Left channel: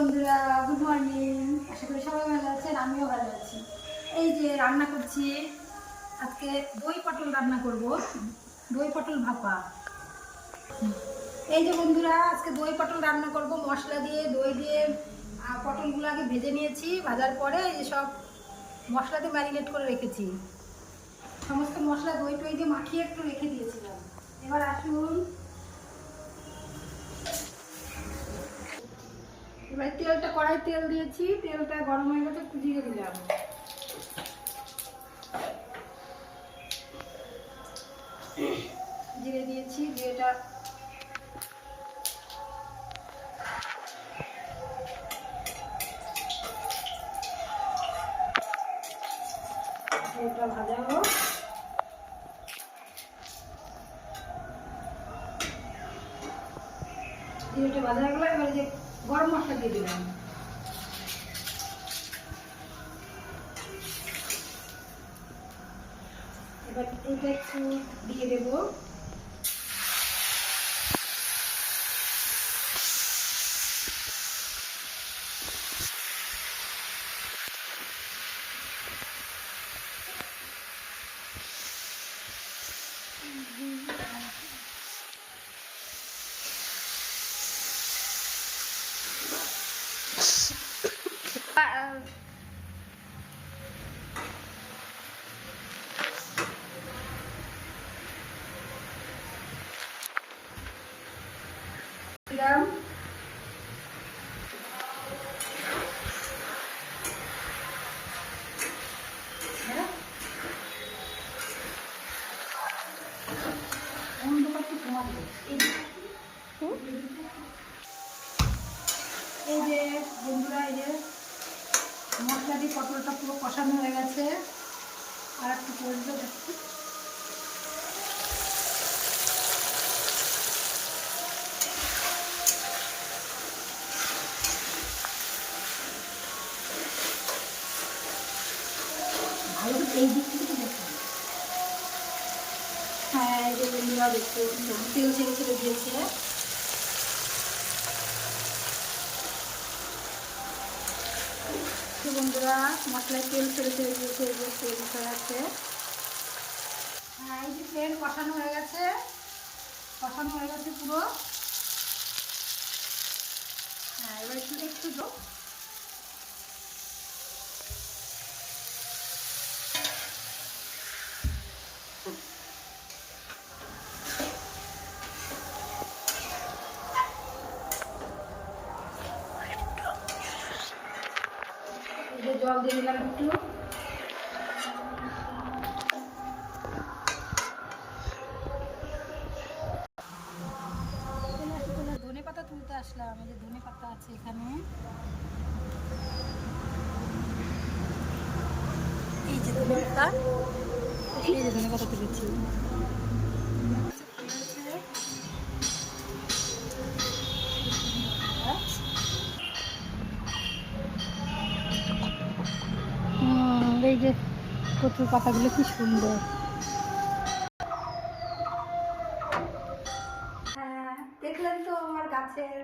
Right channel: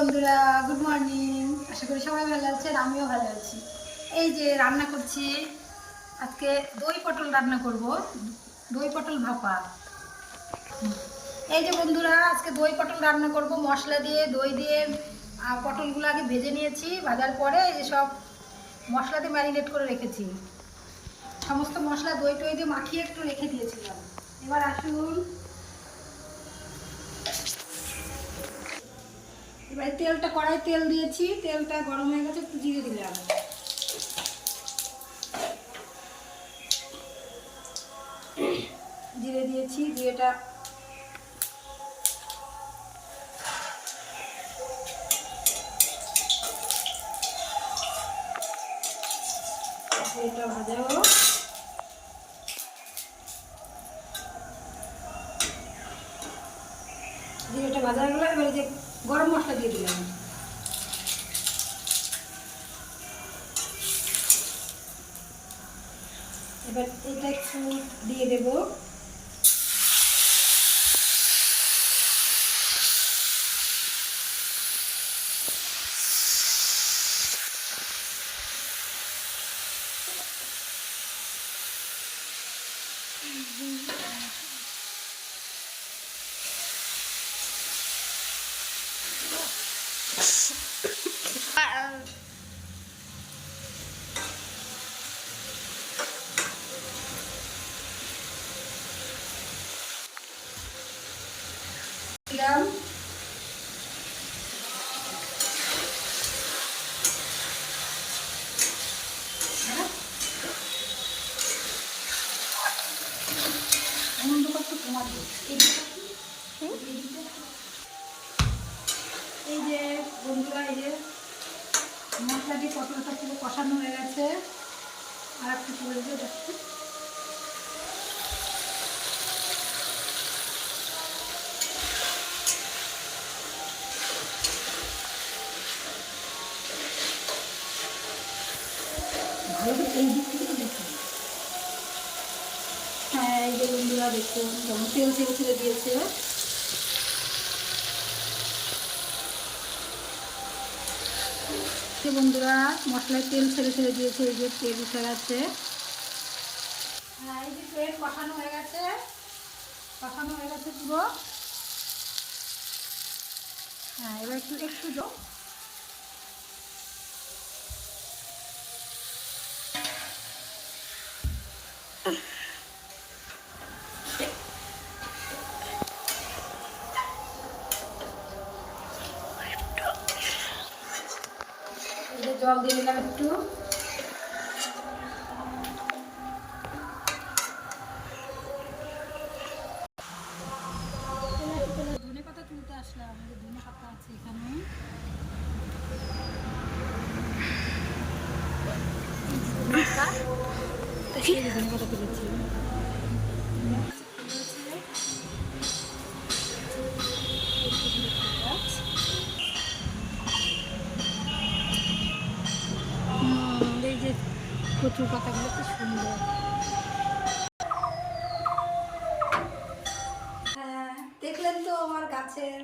বন্ধুরা good morning আশা করি সবাই ভালো আছেন, আমিও ভালো আছি। এই যে রান্না করছি, আজকে দই পটল রান্না করব। দই পটল ভাপা। এই যে বন্ধুরা, আজকে দই পটল রান্না করব, মশলা দিয়ে, দই দিয়ে। পটলগুলো আগে ভেজে নিয়েছি, ভাজার পরে এই সব মশলা দিয়ে ম্যারিনেট করে রেখেছি। সমস্ত মশলা দই টই দিয়ে মাখিয়ে একটু রেখে দিয়েছিলাম। এবার আসুন এবার তেলটা কড়াই তেল দিয়েছি, তেলটা গরম হয়ে গেছে, একটু জিরে দিলাম জিরে দিয়েছি, জিরেটা ভাজা হোক। জিরেটা ভাজা হয়ে গেলো, এবারে যে গরম মশলা দিয়ে দিলাম। এবার এটা একটু দিয়ে দেব। দিলাম। এই যে বন্ধুরা, এই যে মশলা দিয়ে পটলটা পুরো কষানো হয়ে গেছে আর একটু করে দেবো হ্যাঁ এই যে বন্ধুরা দেখতে যেমন ছেড়ে ছেড়ে দিয়েছে বন্ধুরা মশলায় তেল ছেড়ে ছেড়ে দিয়েছে এই তেল উঠে গেছে হ্যাঁ এই যে তেল কষানো হয়ে গেছে কষানো হয়ে গেছে পুরো হ্যাঁ এবার একটু একটু জল দিয়ে দিলাম একটু। ধনে পাতা তুলতে আসলাম যে ধনে পাতা আছে এখানে। এই যে ধনে পাতা তুলেছি। কচুর পাতাগুলো কি সুন্দর। হ্যাঁ, দেখলেন তো আমার গাছের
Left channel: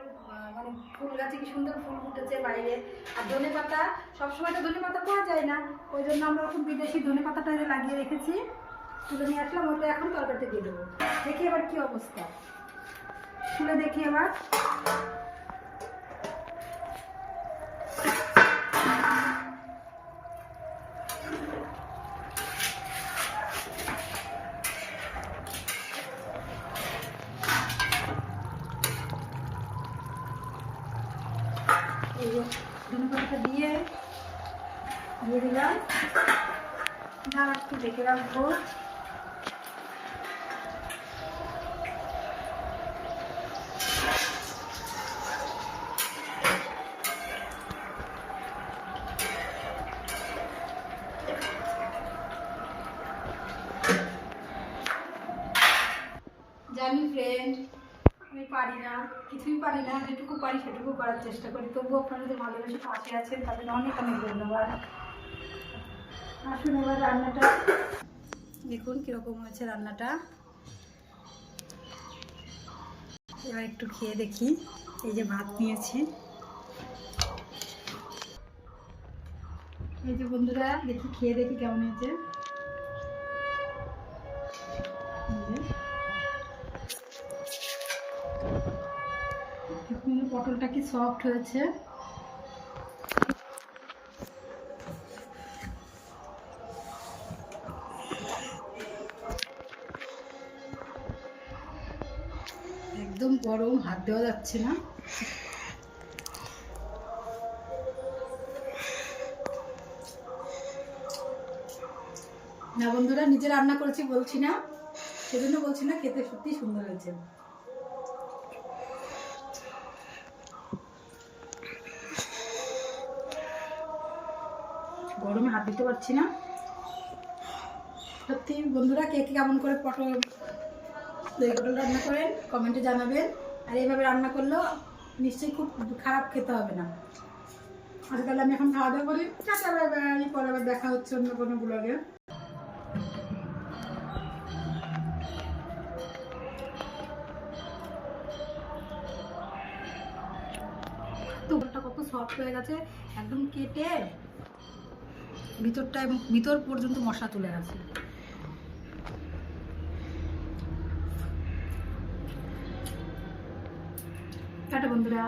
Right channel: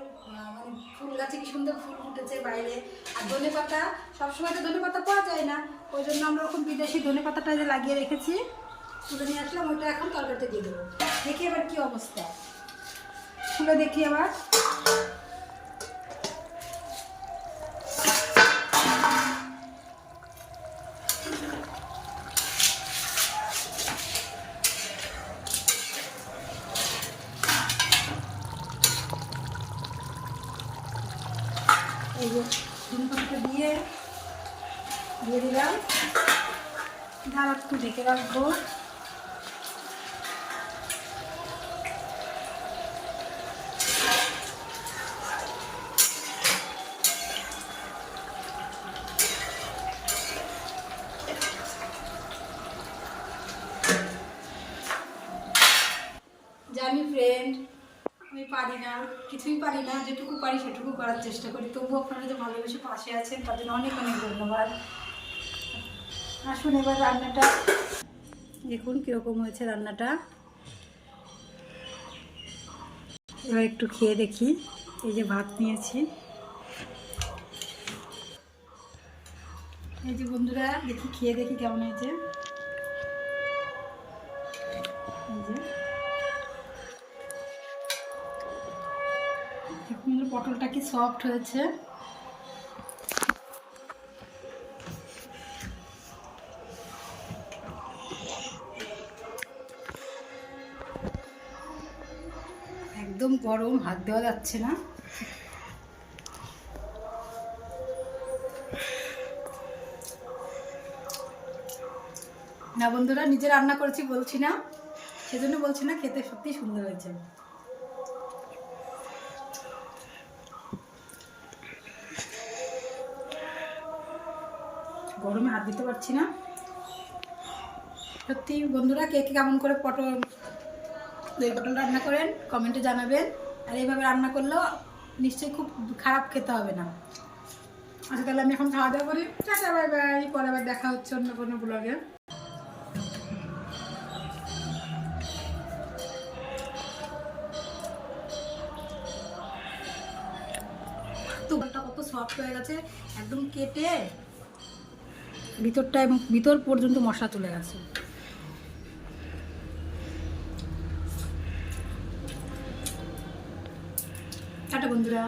মানে ফুল গাছে কি সুন্দর ফুল ফুটেছে বাইরে। আর ধনে পাতা সবসময় তো ধনে পাতা পাওয়া যায় না। ওই জন্য আমরা ওরকম বিদেশি ধনে পাতাটা লাগিয়ে রেখেছি তুলে নিয়ে আসলাম ওটা এখন তরকারিতে দিয়ে দেবো। দেখি এবার কি অবস্থা। খুলে দেখি আবার এই যে ধনেপাতাটা দিয়ে দিয়ে দিলাম এবার একটু ঢেকে রাখব আমি পারি না কিছুই পারি না, যেটুকু পারি সেটুকু করার চেষ্টা করি। তবুও আপনারা যে ভালোবেসে পাশে আছেন তাদের অনেক অনেক ধন্যবাদ। আসুন এবার রান্নাটা। দেখুন কীরকম হয়েছে রান্নাটা। এবার একটু খেয়ে দেখি, এই যে ভাত নিয়েছি। এই যে বন্ধুরা, দেখি, খেয়ে দেখি কেমন হয়েছে। পটলটা কি সফট হয়েছে? একদম গরম, হাত দেওয়া যাচ্ছে না। না বন্ধুরা, নিজে রান্না করেছি বলছি না। সেজন্য বলছি না, খেতে সত্যি সুন্দর হয়েছে। গরমে হাত দিতে পারছি না। সত্যি, বন্ধুরা, কে কে কেমন করে পটল, দই পটল রান্না করেন কমেন্টে জানাবেন। আর এইভাবে রান্না করলেও নিশ্চয়ই খুব খারাপ খেতে হবে না। আচ্ছা তাহলে আমি এখন খাওয়া দাওয়া করি। Tata, bye bye. পরে আবার দেখা হচ্ছে অন্য কোনো ব্লগে তুলটা কত সফট হয়ে গেছে, একদম কেটে ভিতরটা এবং ভিতর পর্যন্ত মশলা চলে গেছে। টাটা বন্ধুরা।